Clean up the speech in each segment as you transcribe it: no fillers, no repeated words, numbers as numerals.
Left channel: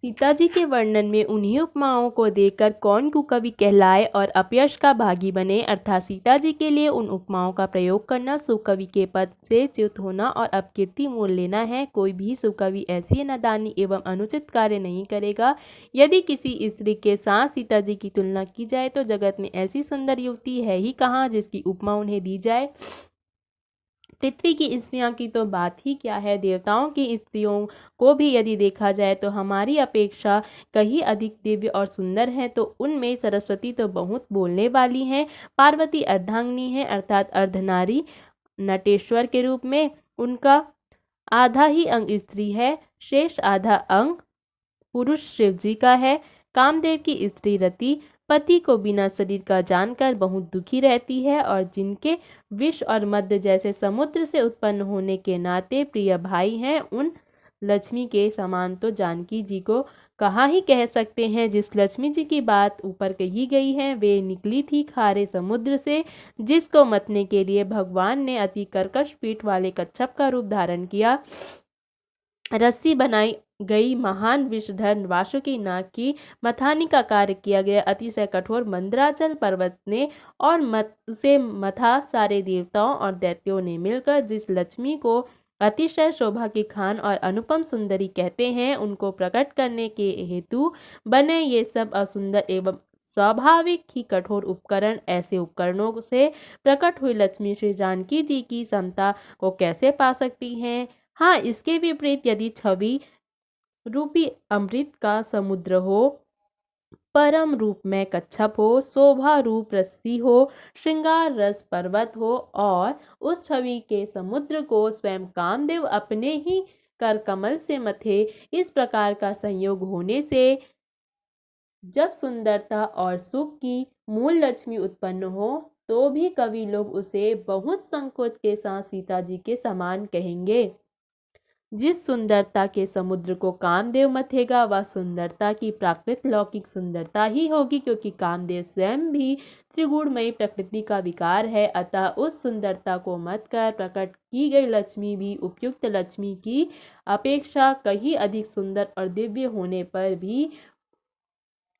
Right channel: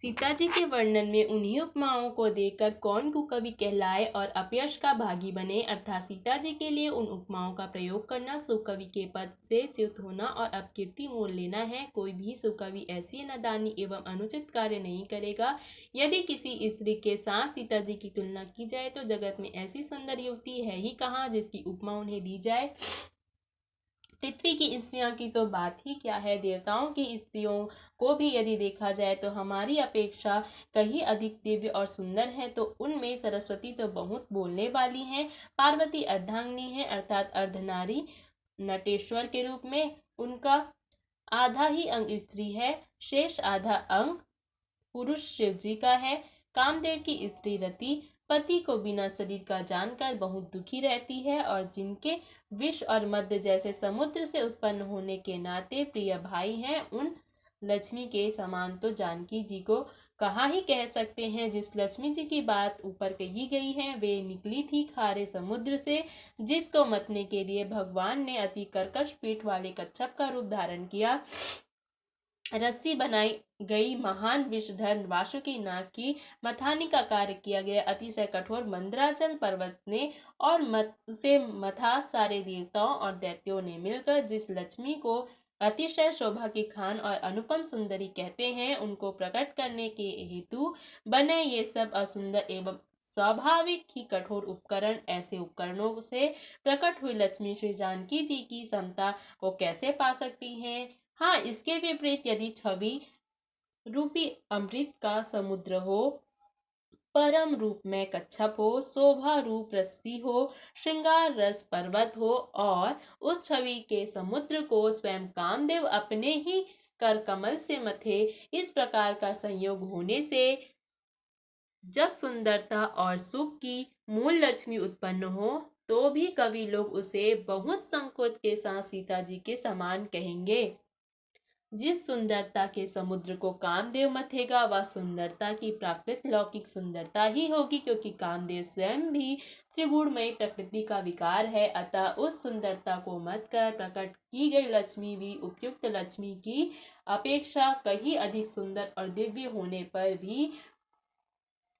सीता जी के वर्णन में उन्हीं उपमाओं को देखकर कौन कुकवि कहलाए और अपयश का भागी बने, अर्थात सीता जी के लिए उन उपमाओं का प्रयोग करना सुकवि के पद से च्युत होना और अपकीर्ति मोल लेना है। कोई भी सुकवि ऐसी नादानी एवं अनुचित कार्य नहीं करेगा। यदि किसी स्त्री के साथ सीता जी की तुलना की जाए तो जगत में ऐसी सुंदर युवती है ही कहाँ जिसकी उपमा उन्हें दी जाए। पृथ्वी की स्त्रियों की तो बात ही क्या है, देवताओं की स्त्रियों को भी यदि देखा जाए तो हमारी अपेक्षा कहीं अधिक दिव्य और सुंदर है। तो उनमें सरस्वती तो बहुत बोलने वाली हैं। पार्वती अर्धांगिनी है, अर्थात अर्धनारी नटेश्वर के रूप में। उनका आधा ही अंग स्त्री है, शेष आधा अंग पुरुष शिव जी का है। कामदेव की स्त्री रति पति को बिना शरीर का जानकर बहुत दुखी रहती है और जिनके विष और मद्य जैसे समुद्र से उत्पन्न होने के नाते प्रिय भाई हैं, उन लक्ष्मी के समान तो जानकी जी को कहाँ ही कह सकते हैं। जिस लक्ष्मी जी की बात ऊपर कही गई है वे निकली थी खारे समुद्र से, जिसको मतने के लिए भगवान ने अति कर्कश पीठ वाले कच्छप का रूप धारण किया। रस्सी बनाई गई महान विषधर वासुकी नाग की मथानी का कार्य किया गया। अतिशय कठोर मंदराचल पर्वत ने और उसे मथा सारे देवताओं और दैत्यों ने मिलकर। जिस लक्ष्मी को अतिशय शोभा की खान और अनुपम सुंदरी कहते हैं, उनको प्रकट करने के हेतु बने ये सब असुंदर एवं स्वाभाविक ही कठोर उपकरण, ऐसे उपकरणों से प्रकट हुई लक्ष्मी श्री जानकी जी की समता को कैसे पा सकती हैं। हाँ, इसके विपरीत यदि छवि रूपी अमृत का समुद्र हो, परम रूप में कच्छप हो, शोभा रूप रस्सी हो, श्रृंगार रस पर्वत हो और उस छवि के समुद्र को स्वयं कामदेव अपने ही कर कमल से मथे, इस प्रकार का संयोग होने से जब सुंदरता और सुख की मूल लक्ष्मी उत्पन्न हो तो भी कवि लोग उसे बहुत संकोच के साथ सीता जी के समान कहेंगे। जिस सुंदरता के समुद्र को कामदेव मथेगा वह सुंदरता की प्राकृत लौकिक सुंदरता ही होगी, क्योंकि कामदेव स्वयं भी त्रिगुणमयी प्रकृति का विकार है। अतः उस सुंदरता को मत कर प्रकट की गई लक्ष्मी भी उपयुक्त लक्ष्मी की अपेक्षा कहीं अधिक सुंदर और दिव्य होने पर भी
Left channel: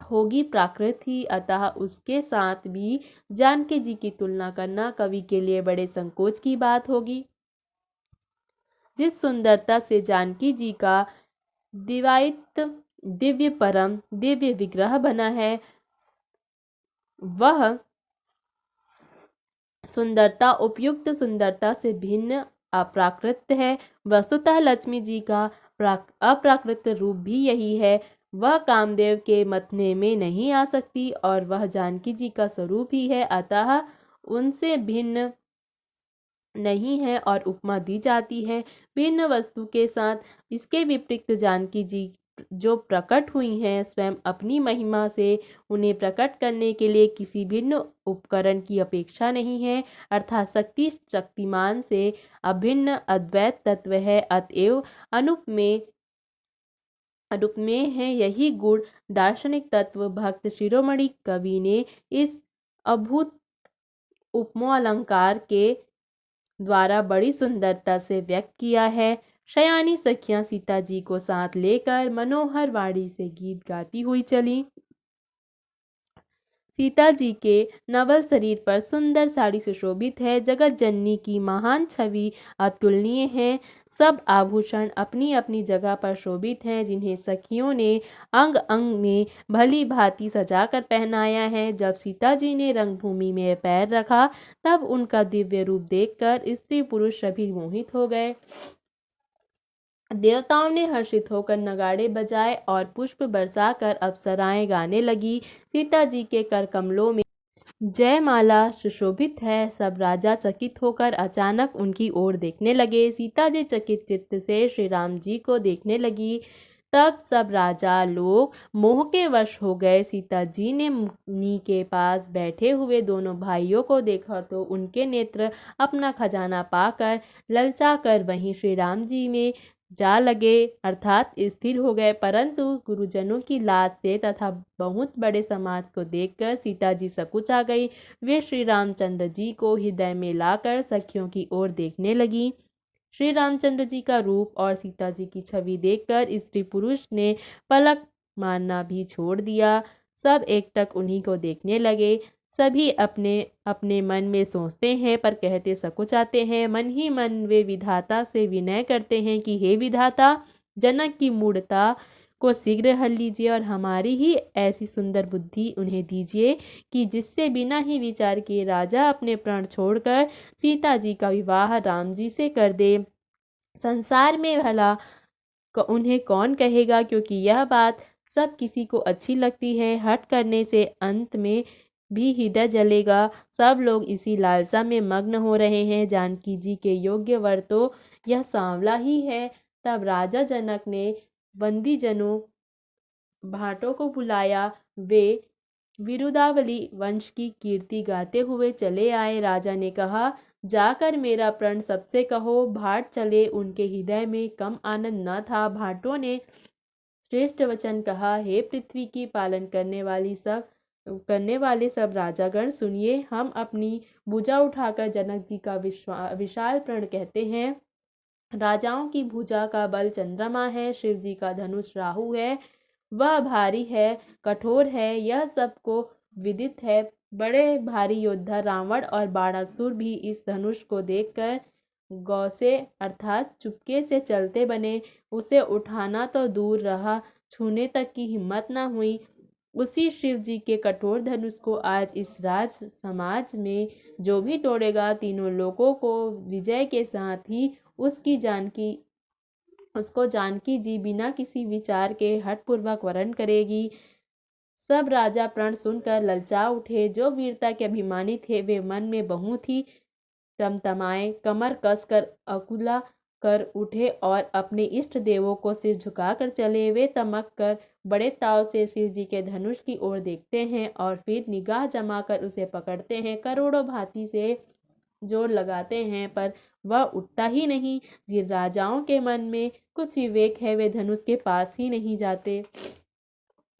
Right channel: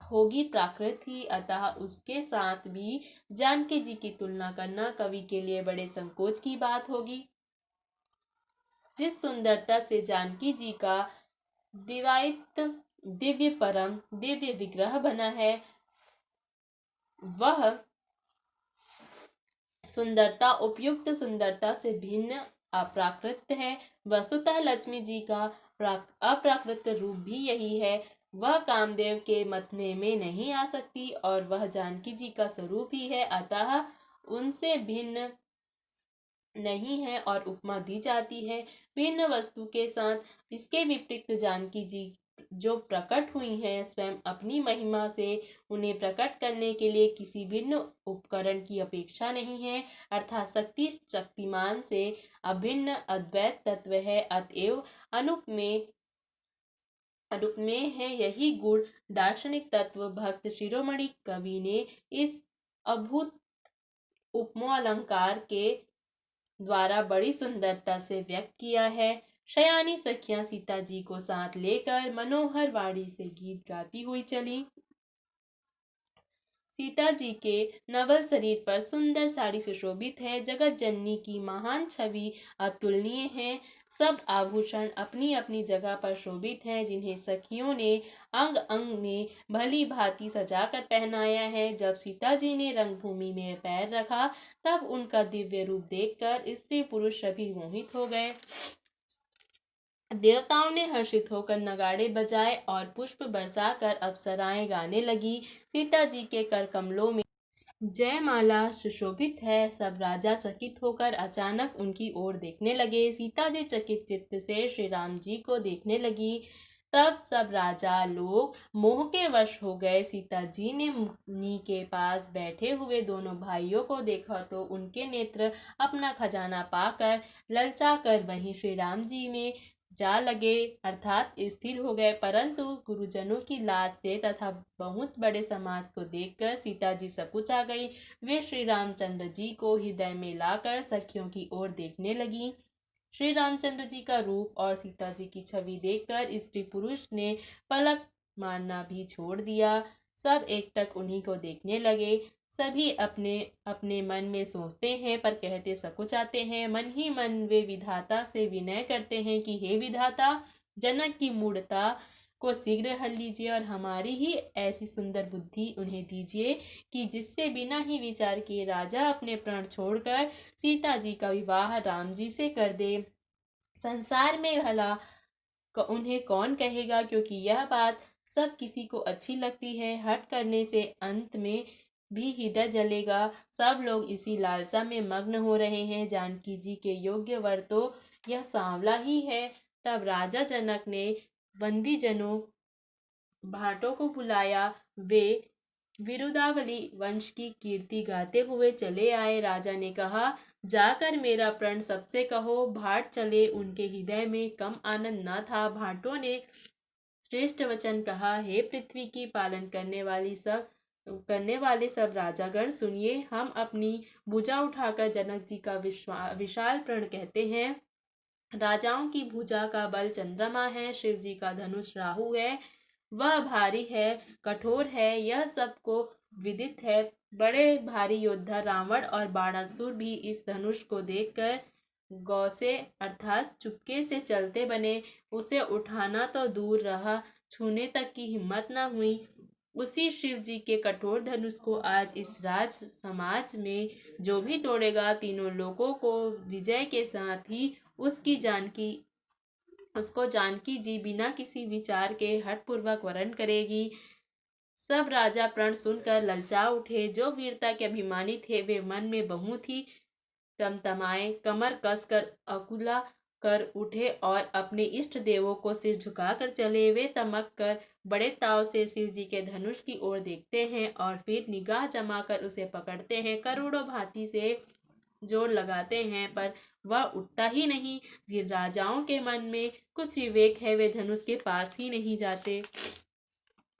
होगी प्राकृत ही। अतः उसके साथ भी जानकी जी की तुलना करना कवि के लिए बड़े संकोच की बात होगी। जिस सुंदरता से जानकी जी का दिवायित दिव्य परम दिव्य विग्रह बना है, वह सुंदरता उपयुक्त सुंदरता से भिन्न अप्राकृत है। वस्तुतः लक्ष्मी जी का अप्राकृत रूप भी यही है। वह कामदेव के मतने में नहीं आ सकती और वह जानकी जी का स्वरूप ही है, अतः उनसे भिन्न नहीं है और उपमा दी जाती है भिन्न वस्तु के साथ। इसके विपरीत जानकी जी जो प्रकट हुई हैं स्वयं अपनी महिमा से, उन्हें प्रकट करने के लिए किसी भिन्न उपकरण की अपेक्षा नहीं है, अर्थात शक्ति शक्तिमान से अभिन्न अद्वैत तत्व है। अतएव अनुप में है यही गुण दार्शनिक तत्व भक्त शिरोमणि कवि ने इस अभूत उपमोलंकार के द्वारा बड़ी सुंदरता से व्यक्त किया है। शयानी सखियां सीता जी को साथ लेकर मनोहर वाणी से गीत गाती हुई चली। सीता जी के नवल शरीर पर सुंदर साड़ी सुशोभित है। जगत जननी की महान छवि अतुलनीय है। सब आभूषण अपनी अपनी जगह पर शोभित हैं, जिन्हें सखियों ने अंग अंग में भली भांति सजाकर पहनाया है। जब सीता जी ने रंगभूमि में पैर रखा तब उनका दिव्य रूप देखकर स्त्री पुरुष सभी मोहित हो गए। देवताओं ने हर्षित होकर नगाड़े बजाए और पुष्प बरसाकर अप्सराएं गाने लगी। सीता जी के कर कमलों में जयमाला सुशोभित है। सब राजा चकित होकर अचानक उनकी ओर देखने लगे। सीता जी चकित चित्त से श्री राम जी को देखने लगी। तब सब राजा लोग मोह के वश हो गए। सीता जी ने मुनि के पास बैठे हुए दोनों भाइयों को देखा तो उनके नेत्र अपना खजाना पाकर ललचा कर वहीं श्री राम जी में जा लगे, अर्थात स्थिर हो गए। परंतु गुरुजनों की लाज से तथा बहुत बड़े समाज को देखकर सीता जी सकुचा गई। वे श्री रामचंद्र जी को हृदय में लाकर सखियों की ओर देखने लगी। श्री रामचंद्र जी का रूप और सीता जी की छवि देखकर स्त्री पुरुष ने पलक मारना भी छोड़ दिया। सब एकटक उन्हीं को देखने लगे। सभी अपने अपने मन में सोचते हैं पर कहते सकुचाते हैं। मन ही मन वे विधाता से विनय करते हैं कि हे विधाता, जनक की मूढ़ता को शीघ्र हल लीजिए और हमारी ही ऐसी सुंदर बुद्धि उन्हें दीजिए कि जिससे बिना ही विचार किए राजा अपने प्राण छोड़कर सीता जी का विवाह राम जी से कर दे। संसार में भला उन्हें कौन कहेगा, क्योंकि यह बात सब किसी को अच्छी लगती है। हट करने से अंत में भी हृदय जलेगा। सब लोग इसी लालसा में मग्न हो रहे हैं। जानकी जी के योग्य वर तो यह सांवला ही है। तब राजा जनक ने बंदीजनों भाटों को बुलाया। वे विरुदावली वंश की कीर्ति गाते हुए चले आए। राजा ने कहा, जाकर मेरा प्रण सबसे कहो। भाट चले, उनके हृदय में कम आनंद न था। भाटों ने श्रेष्ठ वचन कहा, हे पृथ्वी की पालन करने वाले सब राजागण, सुनिए। हम अपनी भुजा उठाकर जनक जी का विशाल प्रण कहते हैं। राजाओं की भुजा का बल चंद्रमा है, शिव जी का धनुष राहु है। वह भारी है, कठोर है, यह सबको विदित है। बड़े भारी योद्धा रावण और बाणासुर भी इस धनुष को देखकर गौ से अर्थात चुपके से चलते बने। उसे उठाना तो दूर रहा, छूने तक की हिम्मत न हुई। उसी शिव जी के कठोर धनुष को आज इस राज समाज में जो भी तोड़ेगा, तीनों लोगों को विजय के साथ ही उसको जानकी जी बिना किसी विचार के हठपूर्वक वरण करेगी। सब राजा प्रण सुनकर ललचा उठे। जो वीरता के अभिमानी थे वे मन में बहुत ही तमतमाए, कमर कसकर अकुला कर उठे और अपने इष्ट देवों को सिर झुकाकर चले। वे तमक कर बड़े ताव से शिव जी के धनुष की ओर देखते हैं और फिर निगाह जमाकर उसे पकड़ते हैं। करोड़ों भांति से जोर लगाते हैं पर वह उठता ही नहीं। जिन राजाओं के मन में कुछ विवेक है वे धनुष के पास ही नहीं जाते।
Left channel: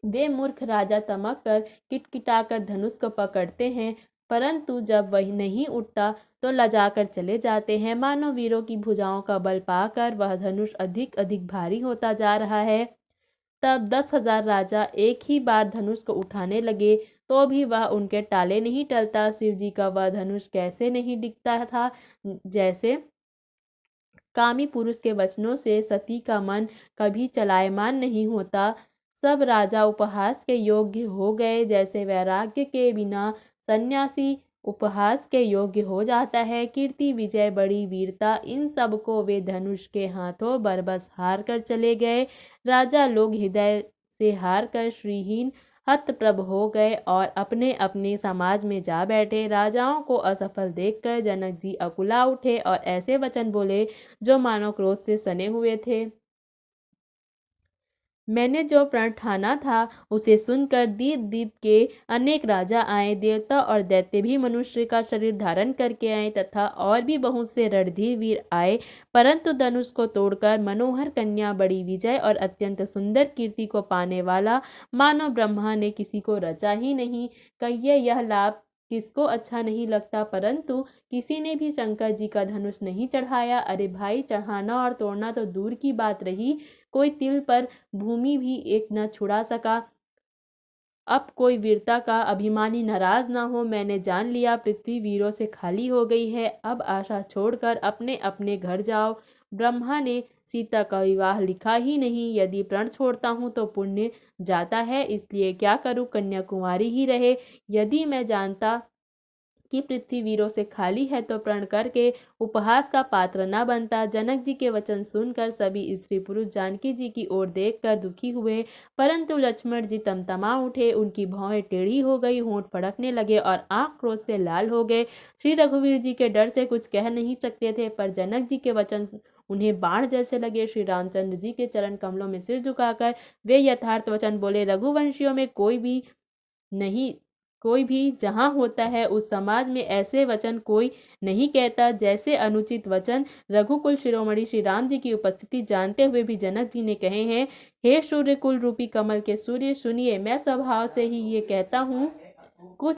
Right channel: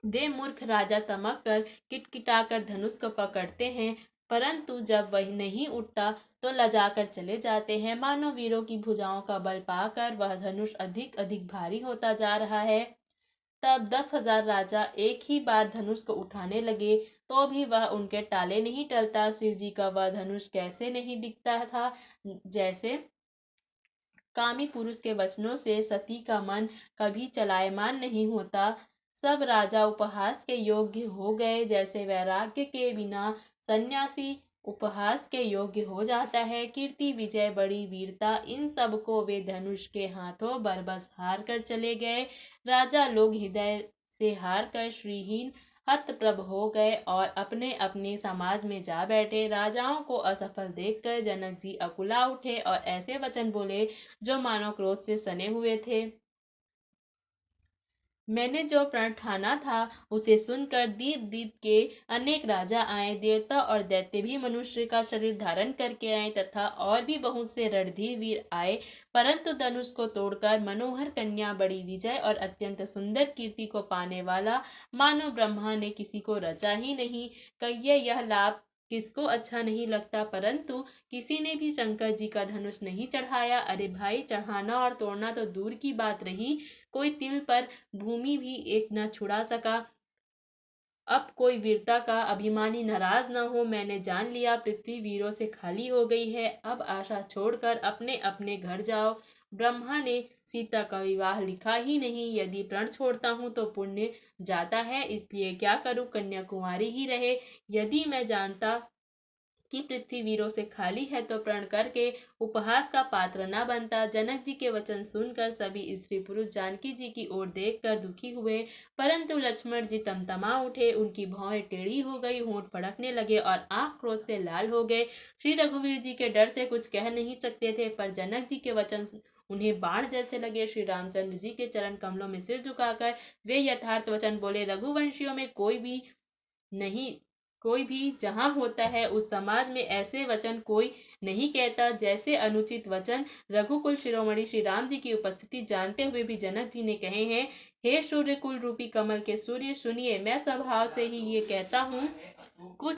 वे मूर्ख राजा तमक कर किटकिटाकर धनुष को पकड़ते हैं, परंतु जब वह नहीं उठता तो लजाकर चले जाते हैं। मानो वीरों की भुजाओं का बल पाकर वह धनुष अधिक अधिक भारी होता जा रहा है। तब 10,000 राजा एक ही बार धनुष को उठाने लगे तो भी वह उनके टाले नहीं टलता। शिव जी का वह धनुष कैसे नहीं दिखता था, जैसे कामी पुरुष के वचनों से सती का मन कभी चलायमान नहीं होता। सब राजा उपहास के योग्य हो गए, जैसे वैराग्य के बिना सन्यासी उपहास के योग्य हो जाता है। कीर्ति, विजय, बड़ी वीरता, इन सब को वे धनुष के हाथों बरबस हार कर चले गए। राजा लोग हृदय से हार कर श्रीहीन हतप्रभ हो गए और अपने अपने समाज में जा बैठे। राजाओं को असफल देखकर जनक जी अकुला उठे और ऐसे वचन बोले जो मानो क्रोध से सने हुए थे। मैंने जो प्रण ठाना था उसे सुनकर दीप दीप के अनेक राजा आए। देवता और दैत्य भी मनुष्य का शरीर धारण करके आए तथा और भी बहुत से रणधीर वीर आए, परंतु धनुष को तोड़कर मनोहर कन्या, बड़ी विजय और अत्यंत सुंदर कीर्ति को पाने वाला मानो ब्रह्मा ने किसी को रचा ही नहीं। कहिए यह लाभ किसको अच्छा नहीं लगता, परंतु किसी ने भी शंकर जी का धनुष नहीं चढ़ाया। अरे भाई, चढ़ाना और तोड़ना तो दूर की बात रही, कोई तिल पर भूमि भी एक न छुड़ा सका। अब कोई वीरता का अभिमानी नाराज ना हो। मैंने जान लिया पृथ्वी वीरों से खाली हो गई है। अब आशा छोड़कर अपने अपने घर जाओ। ब्रह्मा ने सीता का विवाह लिखा ही नहीं। यदि प्रण छोड़ता हूँ तो पुण्य जाता है, इसलिए क्या करूँ, कन्याकुमारी ही रहे। यदि मैं जानता कि पृथ्वी वीरों से खाली है तो प्रण करके उपहास का पात्र न बनता। जनक जी के वचन सुनकर सभी स्त्री पुरुष जानकी जी की ओर देखकर दुखी हुए, परंतु लक्ष्मण जी तमतमा उठे। उनकी भौहें टेढ़ी हो गई, होंठ फड़कने लगे और आंख क्रोध से लाल हो गए। श्री रघुवीर जी के डर से कुछ कह नहीं सकते थे, पर जनक जी के वचन उन्हें बाण जैसे लगे। श्री रामचंद्र जी के चरण कमलों में सिर झुकाकर वे यथार्थ वचन बोले, रघुवंशियों में कोई भी जहाँ होता है उस समाज में ऐसे वचन कोई नहीं कहता जैसे अनुचित वचन रघुकुल शिरोमणि श्री राम जी की उपस्थिति जानते हुए भी जनक जी ने कहे हैं। हे सूर्य कुल रूपी कमल के सूर्य, सुनिए, मैं स्वभाव से ही ये कहता हूँ। कुछ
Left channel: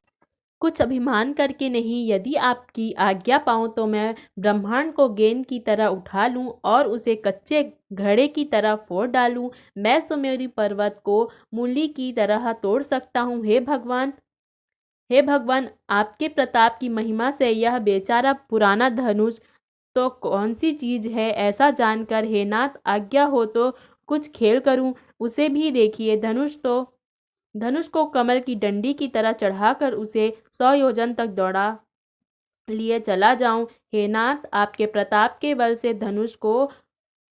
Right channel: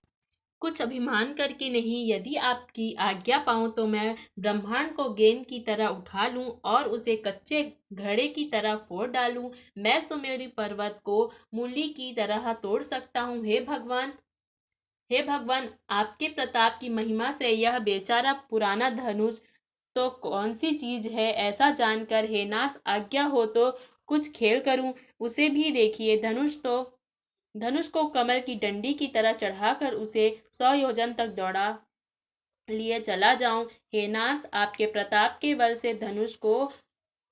कुछ अभिमान करके नहीं, यदि आपकी आज्ञा पाऊँ तो मैं ब्रह्मांड को गेंद की तरह उठा लूँ और उसे कच्चे घड़े की तरह फोड़ डालूँ। मैं सुमेरु पर्वत को मूली की तरह तोड़ सकता हूँ। हे भगवान, आपके प्रताप की महिमा से यह बेचारा पुराना धनुष तो कौन सी चीज है, ऐसा जानकर हे नाथ आज्ञा हो तो कुछ खेल करूं। उसे भी देखिए, धनुष को कमल की डंडी की तरह चढ़ाकर उसे 100 योजन तक दौड़ा लिए चला जाऊं। हे नाथ, आपके प्रताप के बल से धनुष को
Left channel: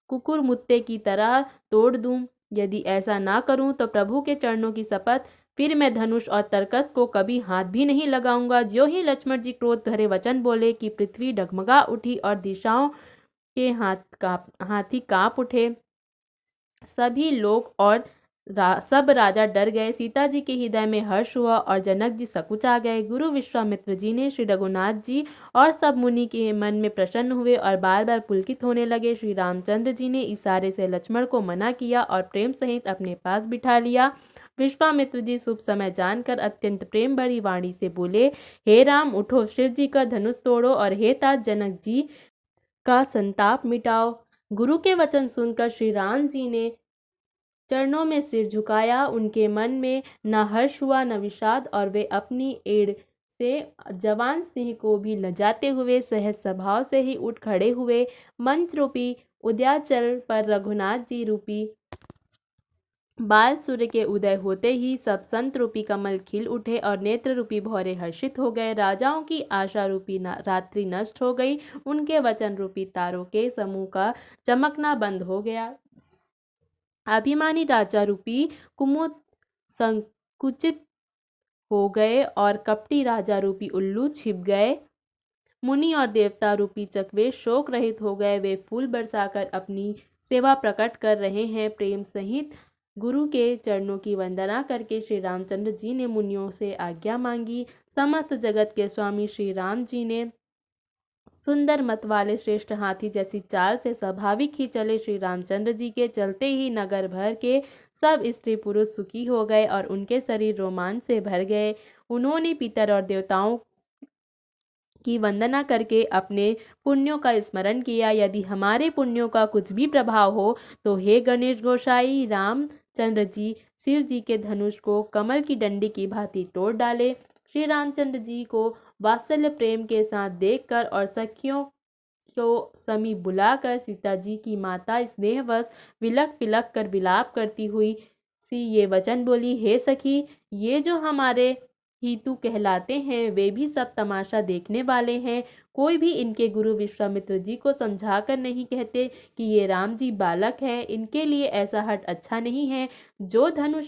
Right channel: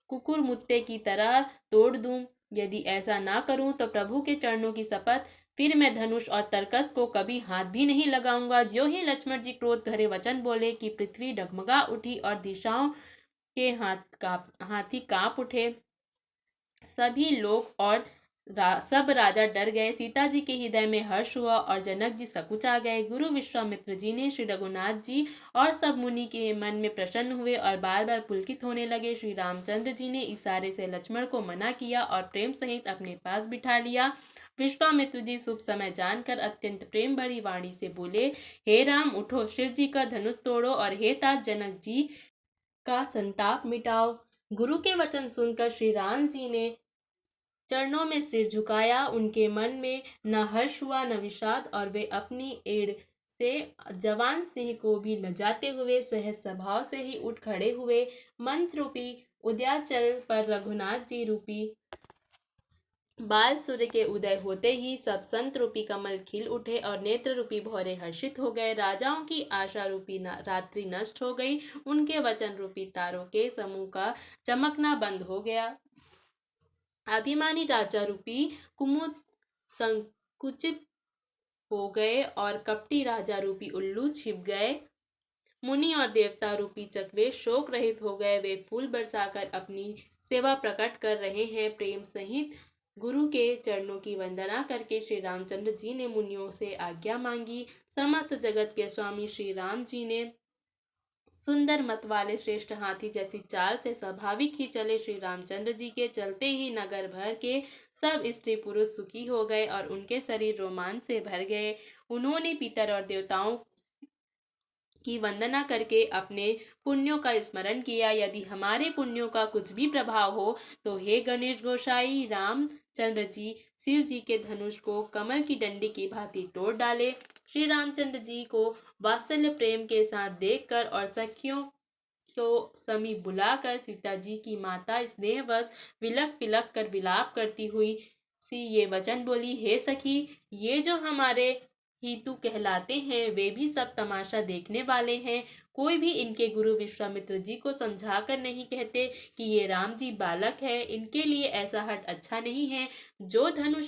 कुकुरमुत्ते की तरह तोड़ दूं। यदि ऐसा ना करूं तो प्रभु के चरणों की शपथ, फिर मैं धनुष और तरकस को कभी हाथ भी नहीं लगाऊंगा। ज्यों ही लक्ष्मण जी क्रोध भरे वचन बोले कि पृथ्वी डगमगा उठी और दिशाओं के हाथी कांप उठे। सभी लोग और सब राजा डर गए। सीता जी के हृदय में हर्ष हुआ और जनक जी सकुचा गए। गुरु विश्वामित्र जी ने श्री रघुनाथ जी और सब मुनि के मन में प्रसन्न हुए और बार बार पुलकित होने लगे। श्री रामचंद्र जी ने इशारे से लक्ष्मण को मना किया और प्रेम सहित अपने पास बिठा लिया। विश्वामित्र जी शुभ समय जानकर अत्यंत प्रेम भरी वाणी से बोले, हे राम उठो, शिव जी का धनुष तोड़ो और हे तात जनक जी का संताप मिटाओ। गुरु के वचन सुनकर श्री राम जी ने चरणों में सिर झुकाया। उनके मन में न हर्ष हुआ न विषाद, और वे अपनी एड़ से जवान सिंह को भी लजाते हुए सहज स्वभाव से ही उठ खड़े हुए। मंच रूपी उदयाचल पर रघुनाथ जी रूपी बाल सूर्य के उदय होते ही सब संत रूपी कमल खिल उठे और नेत्र रूपी भौरे हर्षित हो गए। राजाओं की आशा रूपी रात्रि नष्ट हो गई। उनके वचन रूपी तारों के समूह का चमकना बंद हो गया। अभिमानी राजा रूपी कुमुद संकुचित हो गए और कपटी राजा रूपी उल्लू छिप गए। मुनि और देवता रूपी चकवे शोक रहित हो गए। वे फूल बरसाकर अपनी सेवा प्रकट कर रहे हैं। प्रेम सहित गुरु के चरणों की वंदना करके श्री रामचंद्र जी ने मुनियों से आज्ञा मांगी। समस्त जगत के स्वामी श्री राम जी ने सुंदर मत वाले श्रेष्ठ हाथी जैसी चाल से स्वाभाविक ही चले। श्री रामचंद्र जी के चलते ही नगर भर के सब स्त्री पुरुष सुखी हो गए और उनके शरीर रोमांच से भर गए। उन्होंने पितर और देवताओं की वंदना करके अपने पुण्यों का स्मरण किया। यदि हमारे पुण्यों का कुछ भी प्रभाव हो तो हे गणेश गोसाई रामचंद्र जी शिव जी के धनुष को कमल की डंडी की भांति तोड़ डाले। श्री रामचंद्र जी को वात्सल्य प्रेम के साथ देखकर और सखियों को समीप बुलाकर सीता जी की माता स्नेहवश विलक पिलक कर विलाप करती हुई सी ये वचन बोली, हे सखी, ये जो हमारे हितु कहलाते हैं वे भी सब तमाशा देखने वाले हैं। कोई भी इनके गुरु विश्वामित्र जी को समझाकर नहीं कहते कि ये राम जी बालक हैं। इनके लिए ऐसा हट अच्छा नहीं है। जो धनुष